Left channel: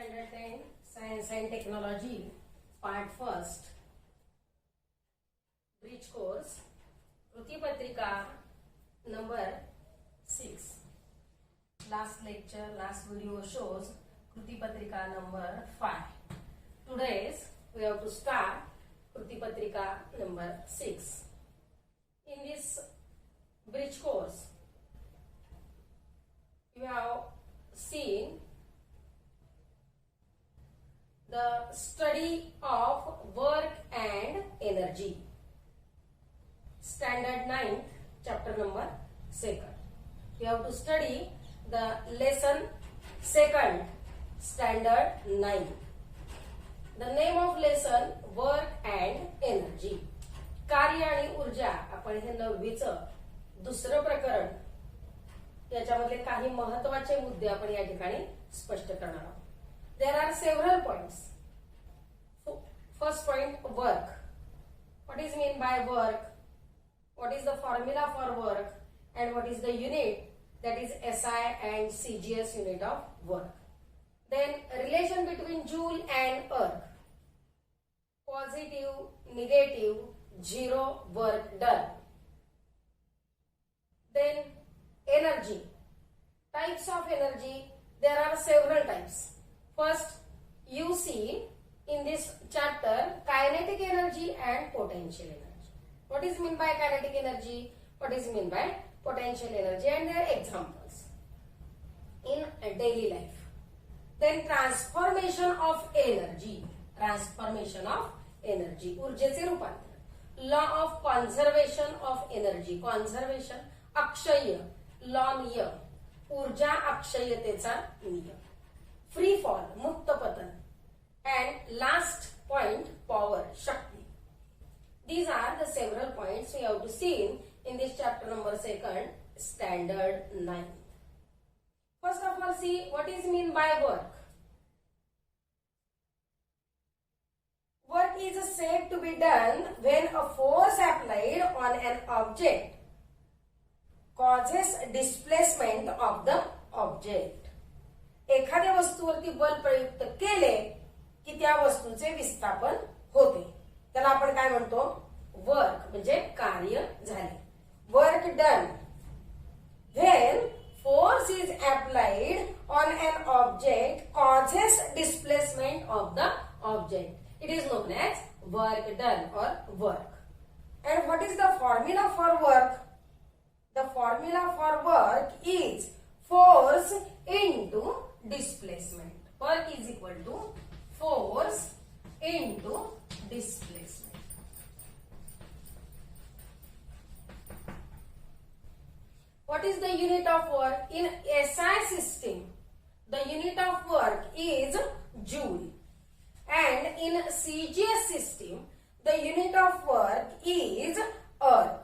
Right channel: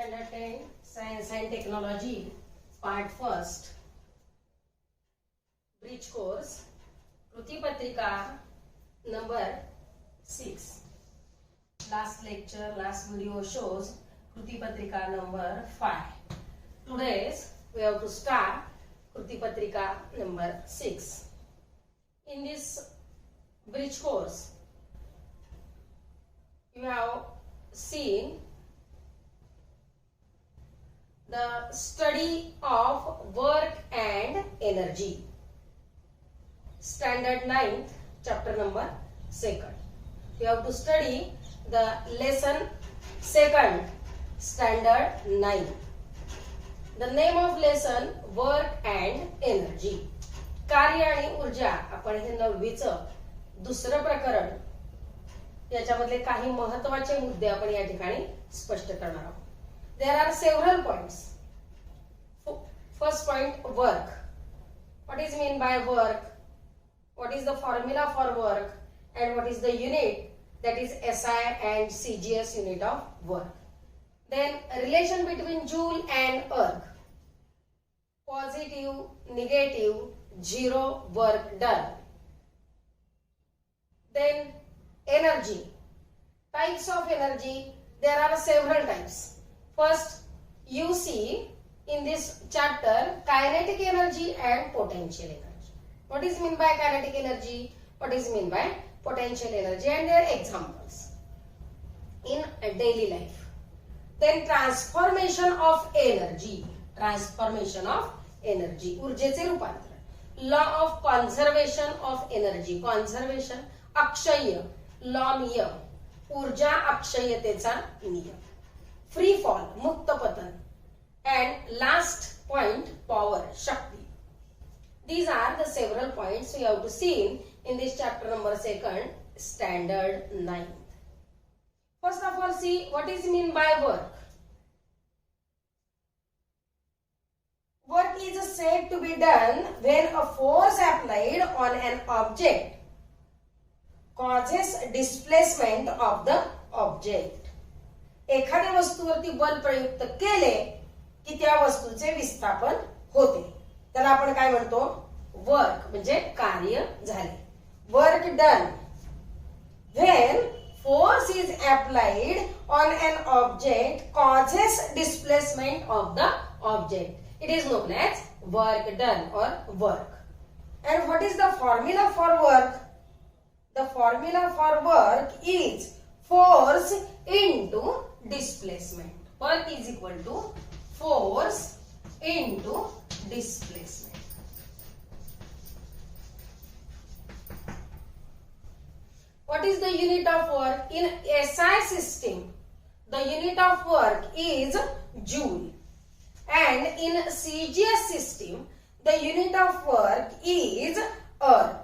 Standard 10 Science and Technology Part First Bridge Course कृति पत्रिका number 6. Last lecture, last video shows कृति पत्रिका number 5. Today's we have to start कृति पत्रिका number 6. In this bridge course you have seen the study of work and energy. Standard 9th, chapter number 2nd. You have to study the lesson 2nd, standard 9. The name of lesson work and energy. कार्य आणि ऊर्जा. आपण हे 9वीचं दुसरं प्रकरण याच्यामधले काही महत्त्वाचे मुद्दे आपण या ठिकाणी स्पष्ट करणार आहोत. There are several points. First point, work. What is mean by work? What is the formula for work? And what is the unit? That is SI and CGS unit of work. Then relation between joule and erg. Positive, negative, zero work done. Then energy. Types of energy. There are several types. First, you see in this chapter kinetic energy and potential energy. What is mean by kinetic energy? What is mean by potential energy and their examples in daily life. Then transformation of energy. Transformation of energy. ऊर्जेचे रूपांतर. Law of conservation of energy. Conservation Akshay. Law नियम. ऊर्जा अक्षयतेचा नियम. Free fall, मुक्त पतन. And last point, power, shakti. These are the several points we have to see in this chapter number 2nd, standard 9. First of all, see what is mean by work. Work is said to be done when a force applied on an object causes displacement of the object. एखाद्या वस्तूवरती बल प्रयुक्त केले की त्या वस्तूचे विस्थापन होते. त्याला आपण काय म्हणतो? वर्क म्हणजे कार्य झाले. Work done. When force is applied on an object causes displacement of the object. It is known as work done or work. And what is the formula for work? The formula for work is force into displacement. Work is equal to force into displacement. What is the unit of work? In SI system, the unit of work is joule. And in CGS system, the unit of work is erg.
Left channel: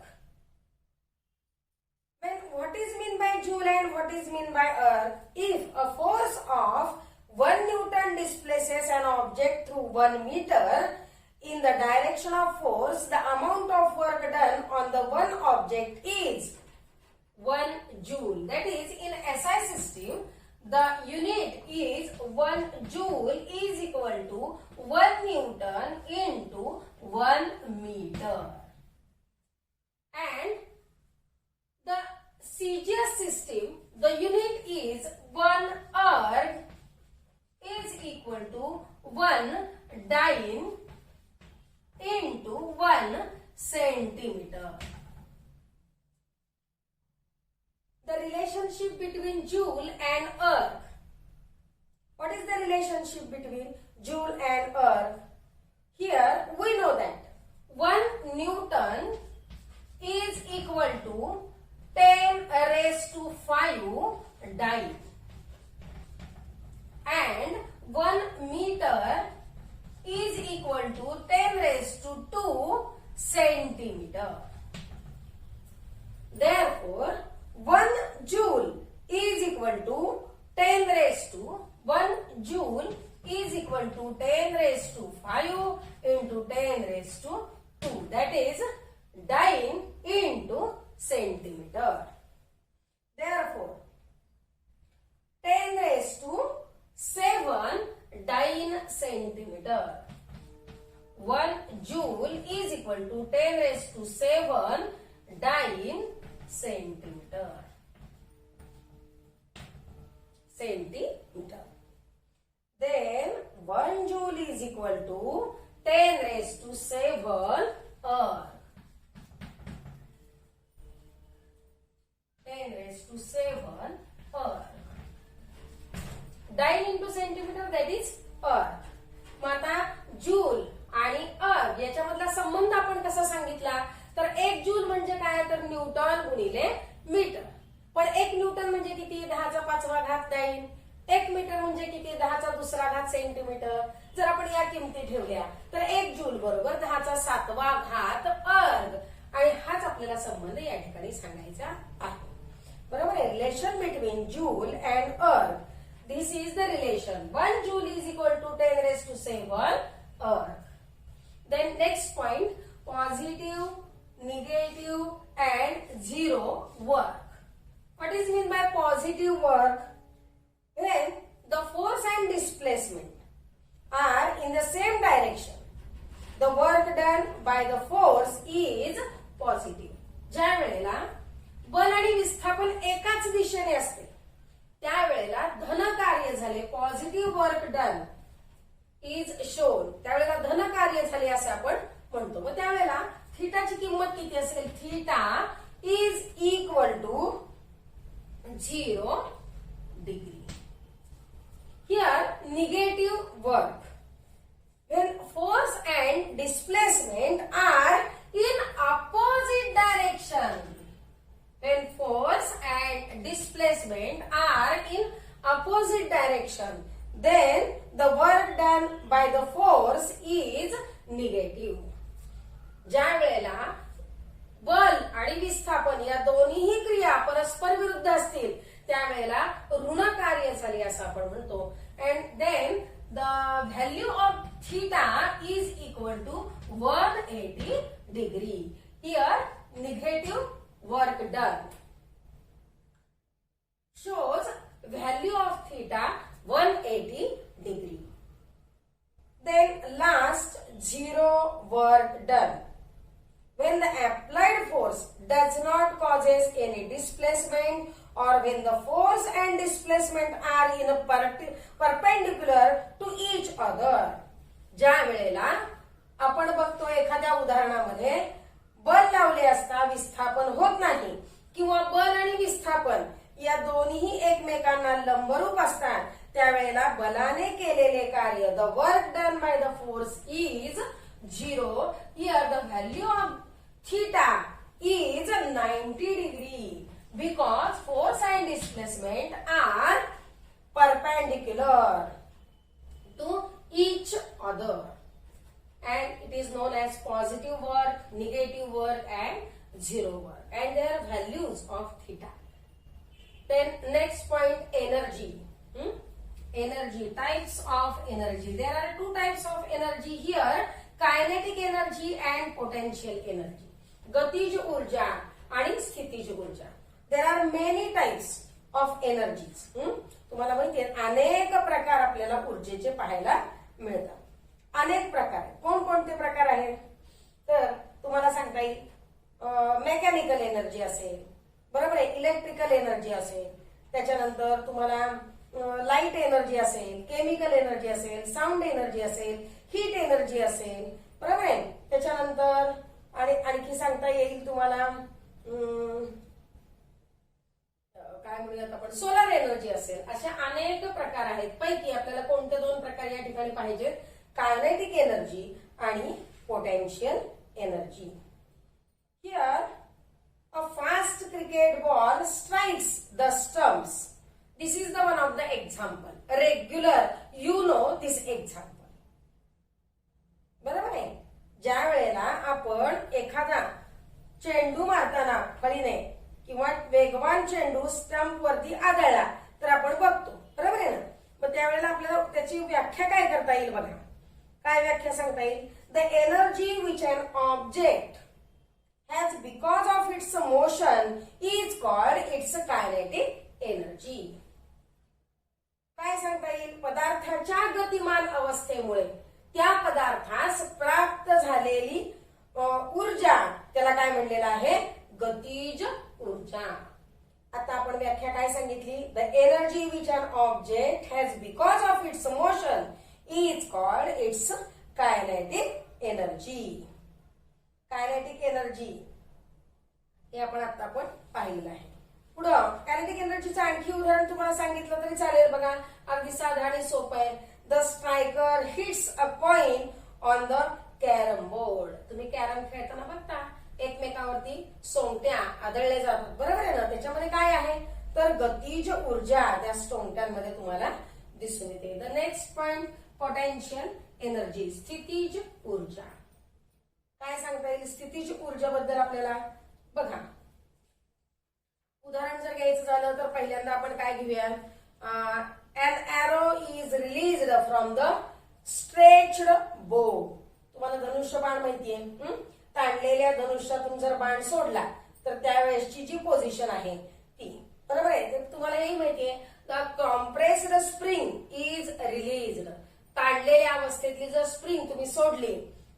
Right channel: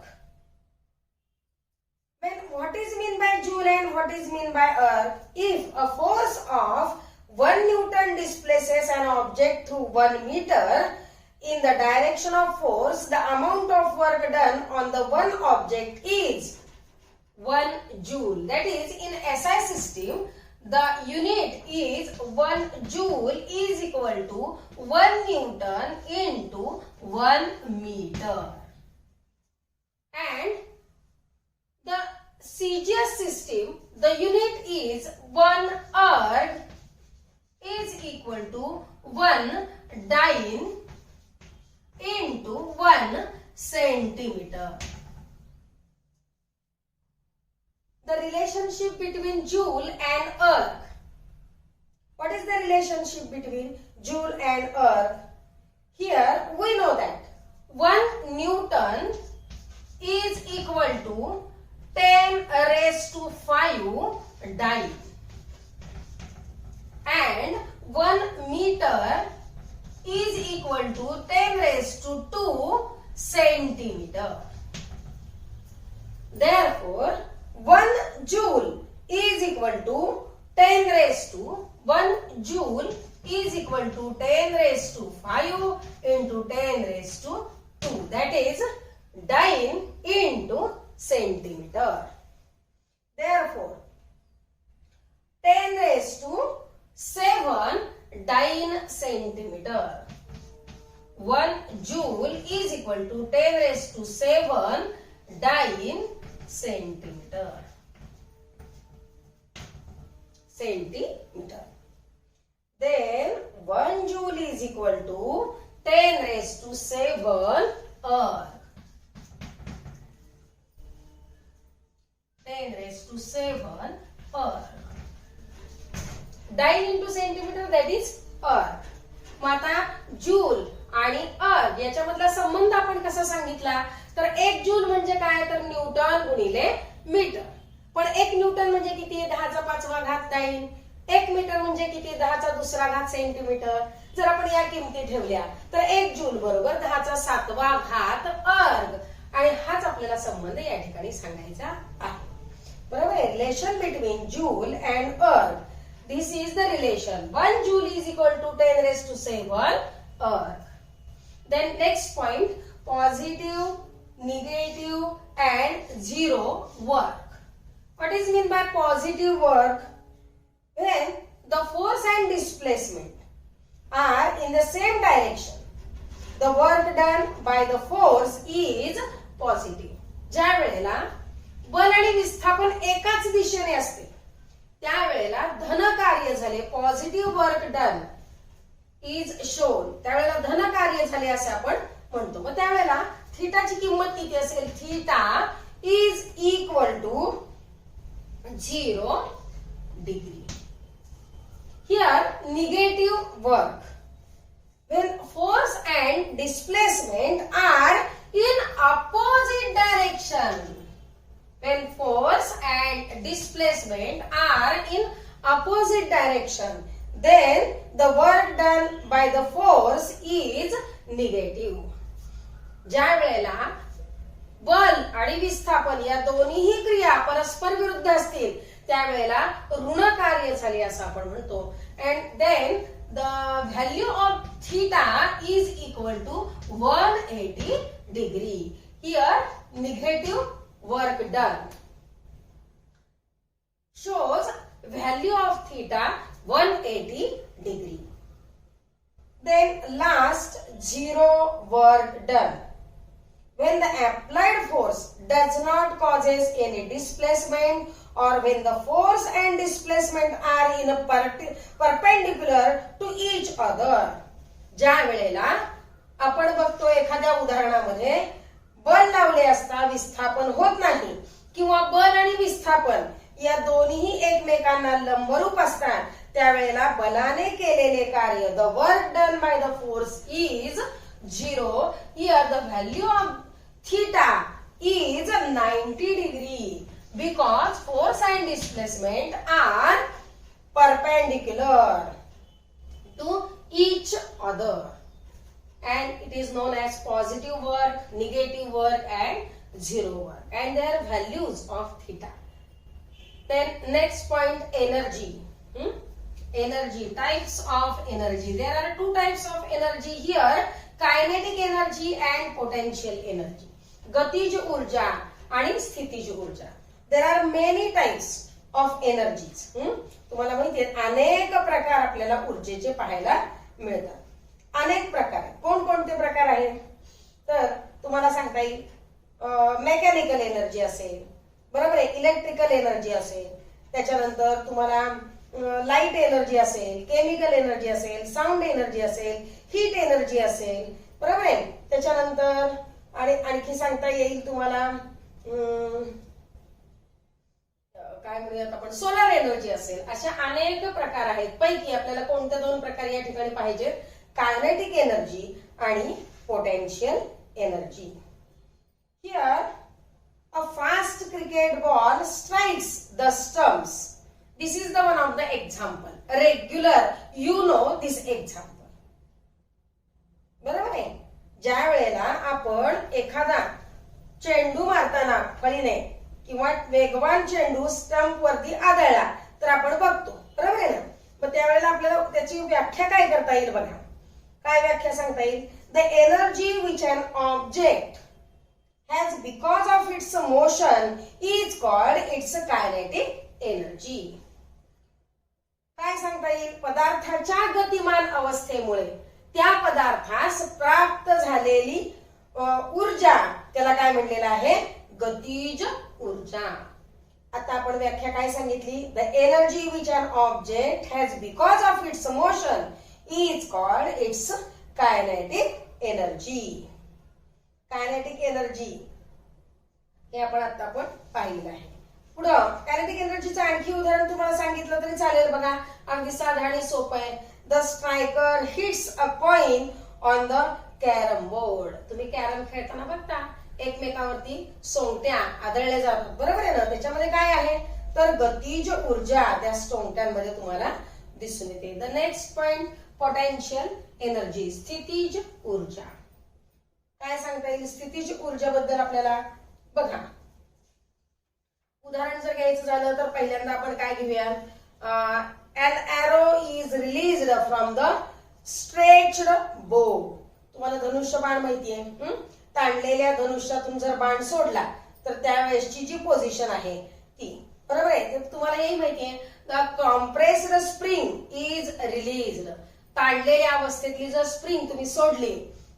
What is mean by joule and what is mean by erg? If a force of 1 Newton displaces an object through 1 meter in the direction of force, the amount of work done on the one object is 1 joule. That is, in SI system, the unit is 1 joule is equal to 1 Newton into 1 meter. And the CGS system, the unit is 1 erg is equal to 1 dyne into 1 centimeter. The relationship between joule and erg. What is the relationship between joule and erg? Here we know that 1 Newton is equal to 10 raised to 5 dyne. And 1 meter is equal to 10 raised to 2 centimeter. Therefore, 1 joule is equal to 10 raised to 1 joule is equal to 10 raised to 5 into 10 raised to 2. That is dyne into centimeter. Therefore, 10 raised to 7 1 joule is equal to 10 raised to 7 dyne centimeter. Then 1 joule is equal to 10 raised to 7 erg. 10 raised to 7 erg. Dyne into centimeter, that is erg. मग आता joule आणि अर्ग याच्यामधला संबंध आपण कसा सांगितला, तर 1 joule म्हणजे काय, तर न्यूटन गुणिले मीटर. पण 1 न्यूटन म्हणजे किती, 10⁵ घात डाईन. 1 मीटर म्हणजे किती, 10⁻² घात सेंटीमीटर. जर आपण या किमती ठेवल्या तर 1 जूल बरोबर 10⁷ घात अर्ग. आणि हाच आपल्याला संबंध या ठिकाणी सांगायचा आहे. बरोबर आहे. रिलेशन बिटवीन जूल अँड अर्ग. This is the relation. 1 joule is equal to 10 raised to 7 erg. Then next point, positive, negative and zero work. What is mean by positive work? When the force and displacement are in the same direction, the work done by the force is positive. ज्या वेळेला बल आणि विस्थापन एकाच दिशेने असते त्यावेळेला धन कार्य झाले, positive work done is shown, त्यावेळेला धन कार्य झाले असे आपण म्हणतो. मग त्यावेळेला थीटाची किंमत किती असेल, theta is equal to 0 degree. Here negative work. when force and displacement are in opposite direction. When force and displacement are in opposite direction, then the work done by the force is negative. ज्या वेळेला बल आणि विस्थापन या दोन्हीही क्रिया परस्पर विरुद्ध असतील त्यावेळेला ऋण कार्य झाले असं आपण म्हणतो. and then the value of theta is equal to 180 degree. Here negative work done shows value of theta 180 degree. Then last, zero work done. When the applied force does not causes any displacement or when the force and displacement are in a perpendicular to each other. ज्या वेळेला आपण बघतो एखाद्या उदाहरणामध्ये बल लावले असता विस्थापन होत नाही किंवा बल आणि विस्थापन या दोन्ही एकमेकांना लंबरूप असतात त्यावेळेला बलाने केलेले कार्य, the work done by the force is 0. Here the value of theta is 90 degree because force and displacement are perpendicular to each other. And it is known as positive work, negative work and zero work and their values of theta. Then next point, energy. Energy, types of energy. There are two types of energy here, kinetic energy and potential energy. गतिज ऊर्जा आणि स्थितिज ऊर्जा. There are many types of energies. तुम्हाला माहिती आहे अनेक प्रकार आपल्याला ऊर्जेचे पाहायला मिळतात. अनेक प्रकार. कोणकोणते प्रकार आहेत तर तुम्हाला सांगता येईल मेकॅनिकल एनर्जी असेल, बरोबर आहे, इलेक्ट्रिकल एनर्जी असेल, त्याच्यानंतर तुम्हाला लाईट एनर्जी असेल, केमिकल एनर्जी असेल, साऊंड एनर्जी असेल, हीट एनर्जी असेल, बरोबर आहे. त्याच्यानंतर आणखी सांगता येईल तुम्हाला काय म्हणूयात आपण सोलर एनर्जी असेल. अशा अनेक प्रकार आहेत. पैकी आपल्याला कोणते दोन प्रकार या ठिकाणी पाहिजेत, कायनेटिक एनर्जी आणि potential energy. Here a fast cricket ball strikes the stumps. This is the one of the example. Regular you know this example. बरोबर आहे. ज्या वेळेला आपण एखादा चेंडू मारताना फळीने किंवा वेगवान चेंडू स्टंप वरती आदळला तर आपण बघतो, बरोबर आहे ना. मग त्यावेळेला आपल्याला त्याची व्याख्या काय करता येईल बघा. काय व्याख्या सांगता येईल, the energy which an object has because of its motion is called its kinetic energy. काय सांगता येईल, पदार्थाच्या गतिमान अवस्थेमुळे त्या पदार्थास प्राप्त झालेली ऊर्जा त्याला काय म्हणलेलं आहे, गतिज ऊर्जा. आता आपण व्याख्या काय सांगितली, the energy which an object has because of its motion is called its kinetic energy. Kinetic energy हे आपण पाहिलं आहे. पुढं कायनेटिक एनर्जीचं आणखी उदाहरण तुम्हाला सांगितलं तरी चालेल बघा, अगदी साधं आणि सोपं आहे. The striker hits a coin on the carrom board. तुम्ही कॅरम खेळताना बघता एकमेकावरती सोंगट्या आदळल्या जातात, बरोबर आहे ना. त्याच्यामध्ये काय आहे तर गतिज ऊर्जा त्या सोंगट्यांमध्ये तुम्हाला दिसून येते. The next point potential energy, स्थितीज ऊर्जा. काय सांगता येईल स्थितीज ऊर्जाबद्दल आपल्याला बघा. उदाहरण जर घ्यायचं झालं तर पहिल्यांदा आपण काय घेऊया, an arrow is released from the stretched bow. तुम्हाला धनुष्य बाण माहितीये, ताणलेल्या धनुष्यातून जर बाण सोडला तर त्यावेळेसची जी पोझिशन आहे ती, बरोबर आहे. ते तुम्हाला हेही माहितीये, the compressed spring is released. ताणलेल्या अवस्थेतली जर स्प्रिंग तुम्ही सोडली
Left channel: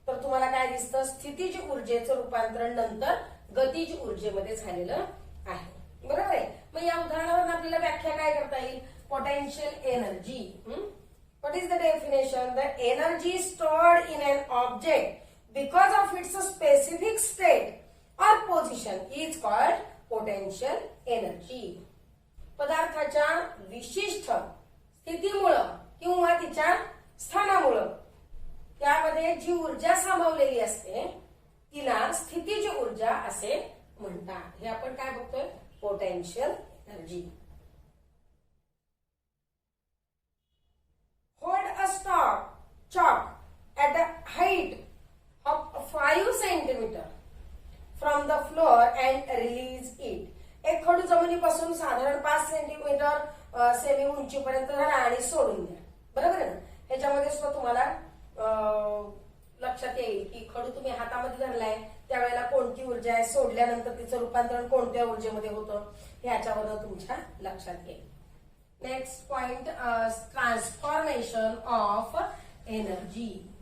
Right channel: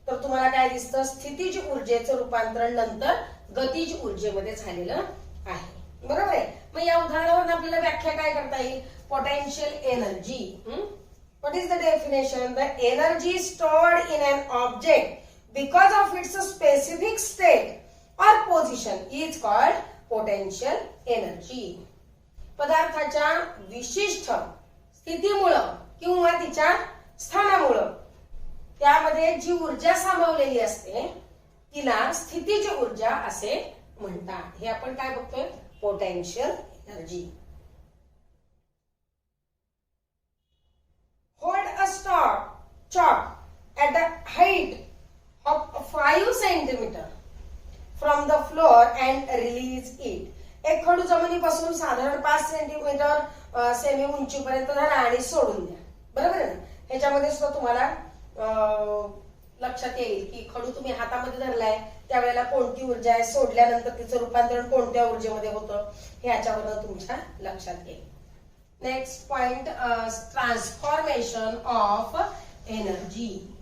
तर तुम्हाला काय दिसतं, स्थितीज ऊर्जेचं रूपांतरण नंतर गतिज ऊर्जेमध्ये झालेलं आहे, बरोबर आहे. मग या उदाहरणावरून आपल्याला व्याख्या काय करता येईल, potential energy. What is the definition, the energy stored in an object because of its specific state और position is called potential energy. पदार्थाच्या विशिष्ट स्थितीमुळं किंवा तिच्या स्थानामुळं त्यामध्ये जी ऊर्जा सामावलेली असते तिला स्थितीज ऊर्जा असे म्हणतात. हे आपण काय बघतोय, potential energy. Hold a chalk at the height of 5 centimeter from the floor and release it. एक खडू जमिनीपासून साधारण 5 सेंटीमीटर सेमी उंचीपर्यंत धरा आणि सोडून द्या, बरोबर आहे ना. ह्याच्यामध्ये सुद्धा तुम्हाला लक्षात येईल की खडू तुम्ही हातामध्ये धरलाय त्यावेळेला कोणती ऊर्जा आहे, सोडल्यानंतर तिचं रूपांतरण कोणत्या ऊर्जेमध्ये होतं हे याच्यावरून तुमच्या लक्षात येईल. Next point, transformation of energy.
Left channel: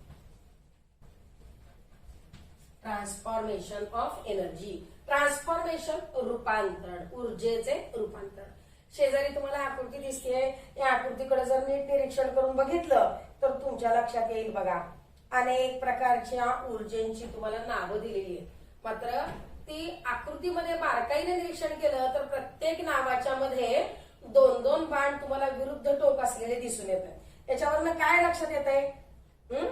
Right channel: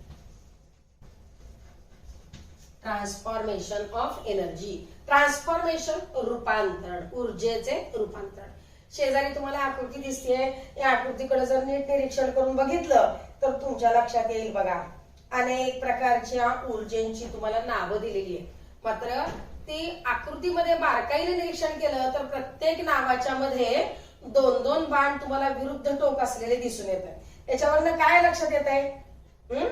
Transformation of energy, transformation रूपांतरण, ऊर्जेचे रूपांतरण. शेजारी तुम्हाला आकृती दिसते, या आकृतीकडे जर नीट निरीक्षण करून बघितलं तर तुमच्या लक्षात येईल बघा, अनेक प्रकारच्या ऊर्जेची तुम्हाला नावं दिलेली आहेत. मात्र ती आकृतीमध्ये बारकाईने निरीक्षण केलं तर प्रत्येक नावाच्या मध्ये 2-2 बाण तुम्हाला विरुद्ध टोक असलेले दिसून येतात. याच्यावरनं काय लक्षात येत आहे,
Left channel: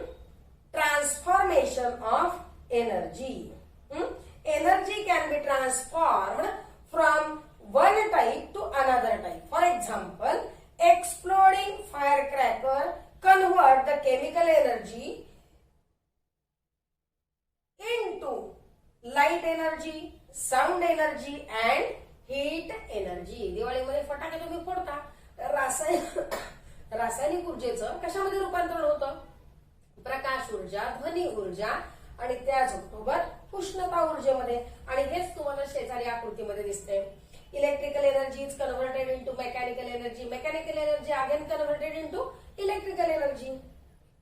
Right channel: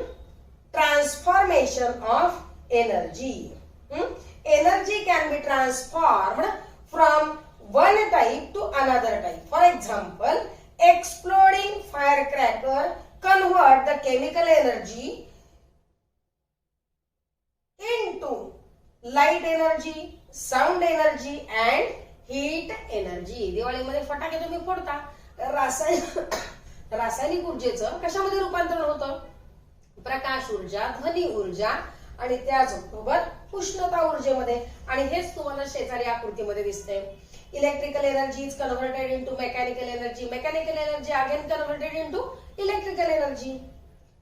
transformation of energy. Energy can be transformed from one type to another type. For example, exploding firecracker convert the chemical energy into light energy, sound energy and heat energy. दिवाळीमध्ये फटाके तुम्ही फोडता, रासायनिक ऊर्जेचं कशामध्ये रूपांतरण होतं, प्रकाश ऊर्जा, ध्वनी ऊर्जा आणि त्याचबरोबर उष्णता ऊर्जेमध्ये. आणि हेच तुम्हाला शेजारी आकृतीमध्ये दिसते. Electrical energy is converted into mechanical energy, mechanical energy again converted into electrical energy,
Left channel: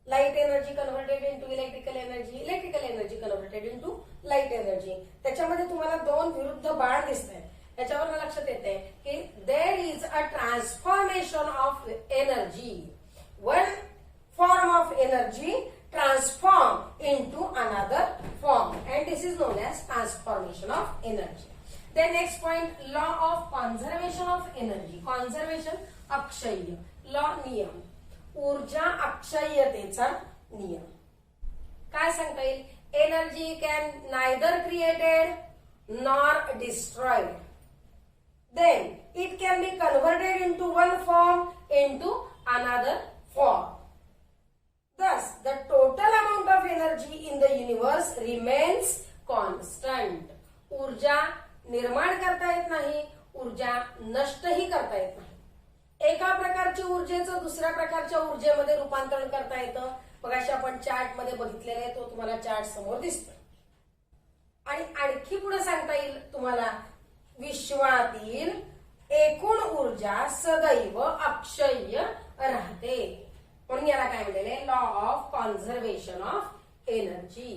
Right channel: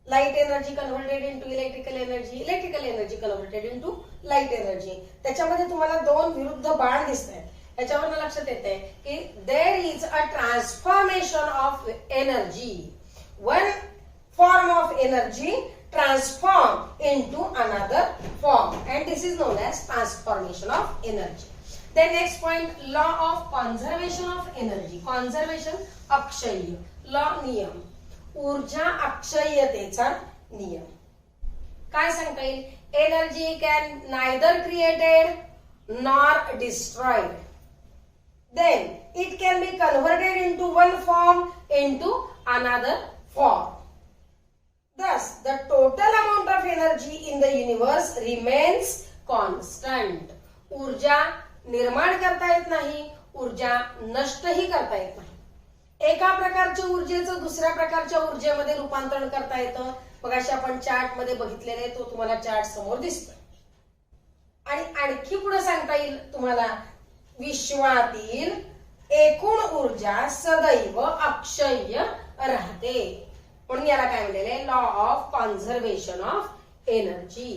light energy converted into electrical energy, electrical energy converted into light energy. त्याच्यामध्ये तुम्हाला 2 विरुद्ध बाण दिसत आहेत. याच्यावरून लक्षात येते की there is a transformation of energy. One form of energy transform into another form and this is known as transformation of energy. Then next point, law of conservation of energy. Conservation, Akshay. Law, नियम. ऊर्जा अक्षय्यतेचा नियम. काय सांगता येईल, energy can neither created nor destroyed. Then it can be converted into one form into another form. Thus, the total amount of energy in the universe remains constant. ऊर्जा निर्माण करता येत नाही, ऊर्जा नष्टही करता येत नाही. एका प्रकारच्या ऊर्जेचं दुसऱ्या प्रकारच्या ऊर्जेमध्ये रूपांतरण करता येतं. मगाशी आपण चार्ट मध्ये बघितलेले, तो तुम्हाला चार्ट समोर दिसतो. आणि आणखी पुढे सांगता येईल तुम्हाला, विश्वातील एकूण ऊर्जा सदैव अक्षय्य राहते. म्हणून याला काय म्हणलेले law of conservation of energy.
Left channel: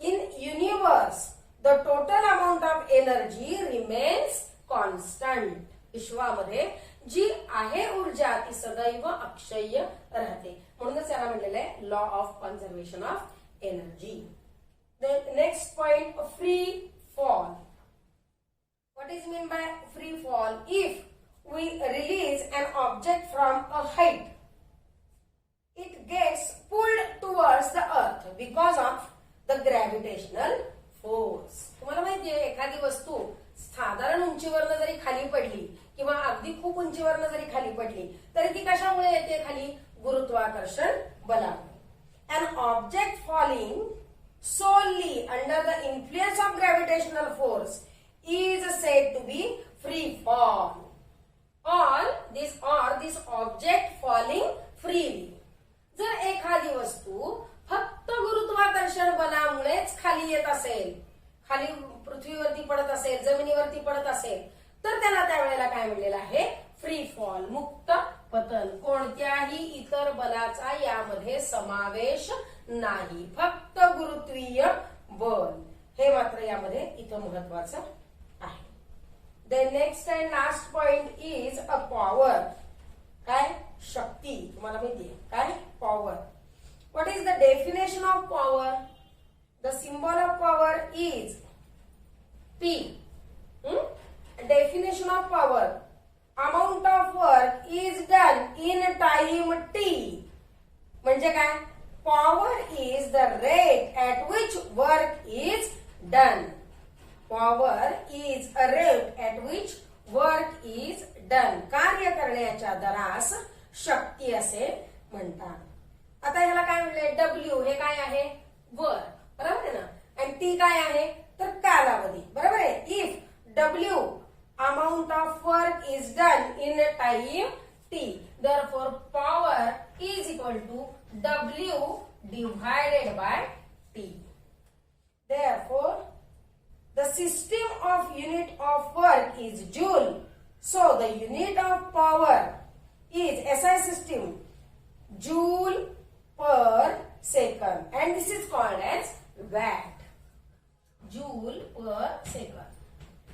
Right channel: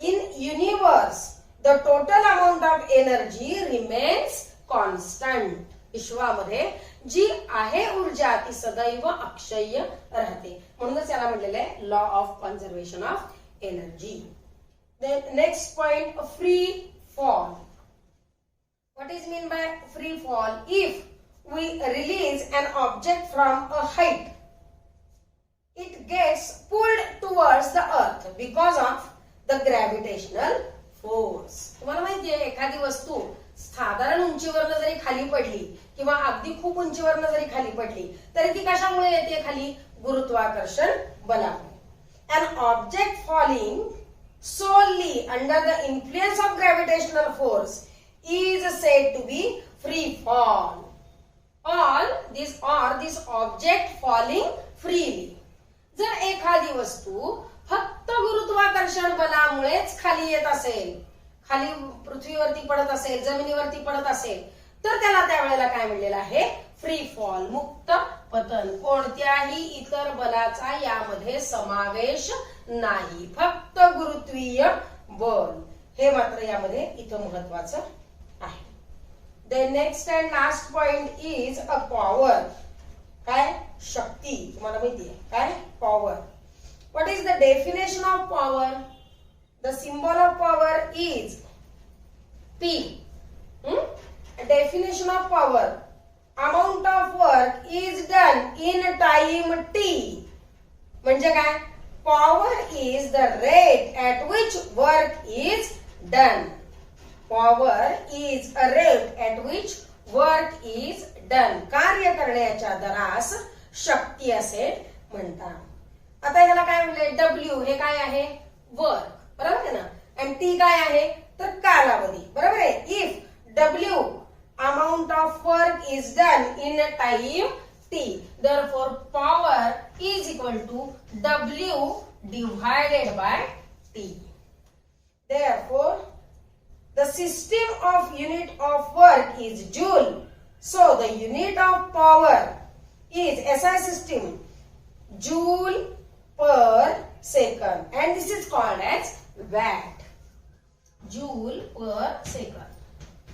In universe the total amount of energy remains constant. विश्वामध्ये जी आहे ऊर्जा ती सदैव अक्षय राहते, म्हणूनच याला म्हणलेलं आहे law of conservation of energy. Next point, free fall. What is mean by free fall? If we release an object from a height, it gets pulled towards the earth because of the gravitational force. तुम्हाला माहिती आहे एखादी वस्तू साधारण उंचीवरनं जरी खाली पडली किंवा अगदी खूप उंचीवरनं जरी खाली पडली तरी ती कशामुळे येते खाली? गुरुत्वाकर्षण बलामुळे. An object falling solely under the influence of gravitational force is said to be free fall. This object falling freely. जर एखादी वस्तू फक्त गुरुत्वाकर्षण बलामुळेच खाली येत असेल, खाली पृथ्वीवरती पडत असेल, जमिनीवरती पडत असेल, तर त्याला त्यावेळेला काय म्हणलेलं आहे? फ्री फॉल, मुक्त पतन. कोणत्याही इतर बलाचा यामध्ये समावेश नाही, फक्त गुरुत्वीय बल. हे मात्र यामध्ये इथं महत्वाचं आहे. The next and last point is a power. काय? शक्ती. तुम्हाला माहिती आहे काय? Power. What is the definition of power? The symbol of power is P. Definition of power: amount of work is done in time t. म्हणजे काय? Power is the rate at which work is done. Power is a rate at which work is done. कार्य करण्याच्या दरास शक्ती असे म्हणतात. आता याला काय म्हणले? W हे काय आहे? वर्क, बरोबर आहे ना. आणि टी काय आहे? तर कालावधी, बरोबर आहे. If W amount of work is done in time t, therefore power is equal to W divided by T. Therefore the system of unit of work is joule. So the unit of power is SI system, joule per second, and this is called as watt. Joule per second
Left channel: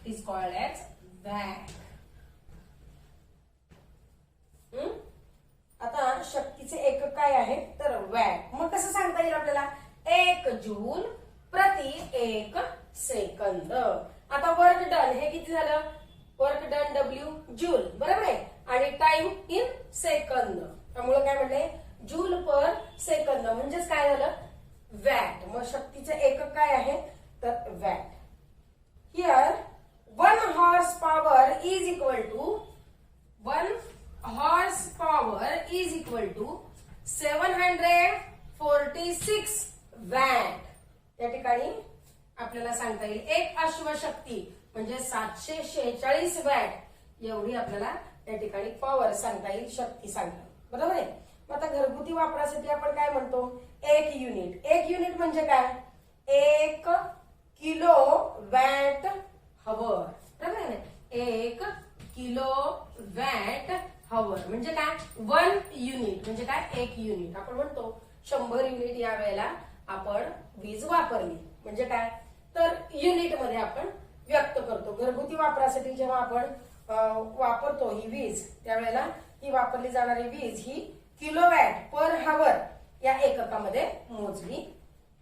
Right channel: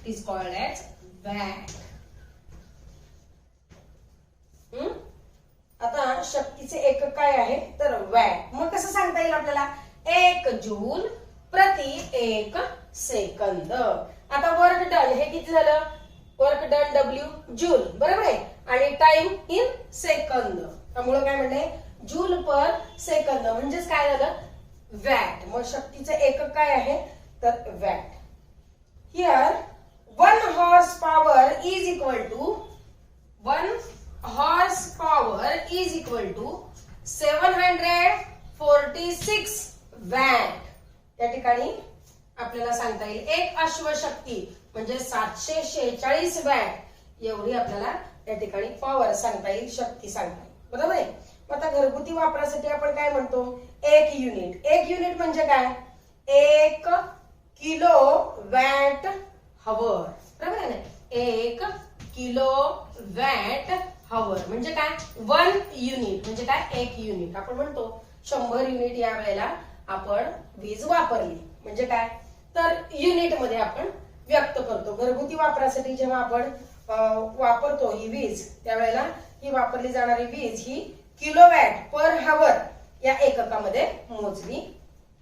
is called as watt. आता शक्तीचे एकक काय आहे? तर watt. मग कसं सांगता येईल आपल्याला? 1 जूल प्रति 1 सेकंद. आता वर्क डन हे किती झालं? वर्क डन W जूल, बरोबर आहे. आणि टाइम इन सेकंद, त्यामुळे काय म्हणले? जूल पर सेकंद, म्हणजेच काय झालं? वॅट. मग शक्तीचे एकक काय आहे? तर watt. Here 1 horsepower is equal to 1 horsepower is equal to 746 watt. या ठिकाणी आपल्याला सांगता येईल एक अश्वशक्ती म्हणजे 746 वॅट एवढी आपल्याला या ठिकाणी पॉवर सांगता येईल, शक्ती सांगता येईल, बरोबर आहे. आता घरगुती वापरासाठी आपण काय म्हणतो? 1 युनिट. 1 युनिट म्हणजे काय? 1 किलो वॅट हवर, बरोबर आहे ना. 1 किलो वॅट हवर म्हणजे काय? 1 युनिट म्हणजे काय? 1 युनिट. आपण म्हणतो 100 युनिट या वेळेला आपण वीज वापरली म्हणजे काय? तर युनिट मध्ये आपण व्यक्त करतो. घरगुती वापरासाठी जेव्हा आपण वापरतो ही वीज, त्यावेळेला ही वापरली जाणारी वीज ही किलोवॅट पर हवर या एककामध्ये मोजली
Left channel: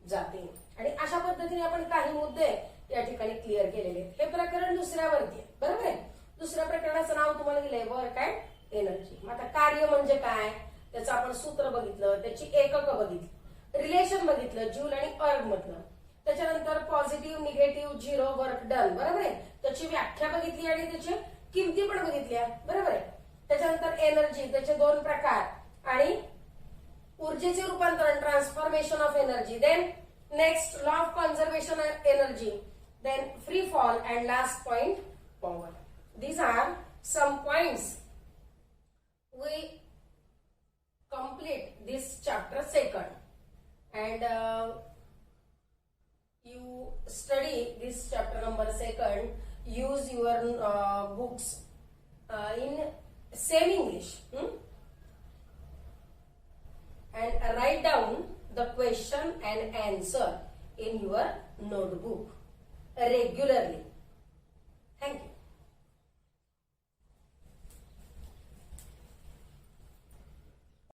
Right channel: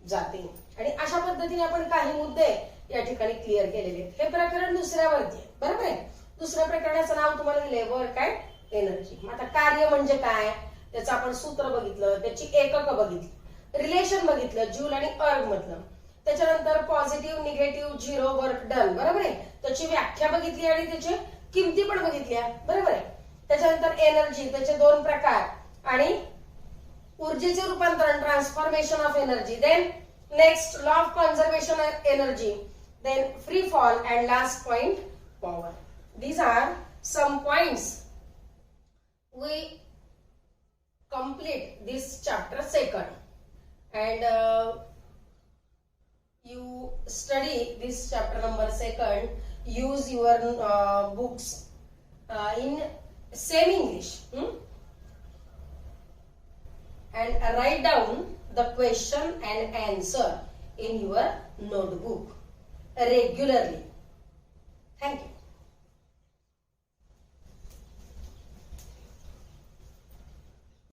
जाते. आणि अशा पद्धतीने आपण काही मुद्दे या ठिकाणी क्लिअर केलेले आहेत. हे प्रकरण दुसऱ्यावरती आहे, बरोबर आहे. दुसऱ्या प्रकरणाचं नाव तुम्हाला दिलंय वर्क अँड एनर्जी. आता कार्य म्हणजे काय? त्याचं आपण सूत्र बघितलं, त्याची एकक बघितली, रिलेशन बघितलं जूल आणि अर्ग मधलं. त्याच्यानंतर positive, negative, zero, work done, बरोबर आहे. त्याची व्याख्या बघितली आणि त्याची किमती पण बघितल्या, बरोबर आहे. त्याच्यानंतर एनर्जी, त्याचे 2 प्रकार आणि ऊर्जेचे रूपांतरण, transformation of energy. Then next law of conservation of energy. Then free fall and last point power. These are some points we complete this chapter second, and you study this chapter number second. Use your books in same English. write down the question and answer in your notebook regularly. Thank you.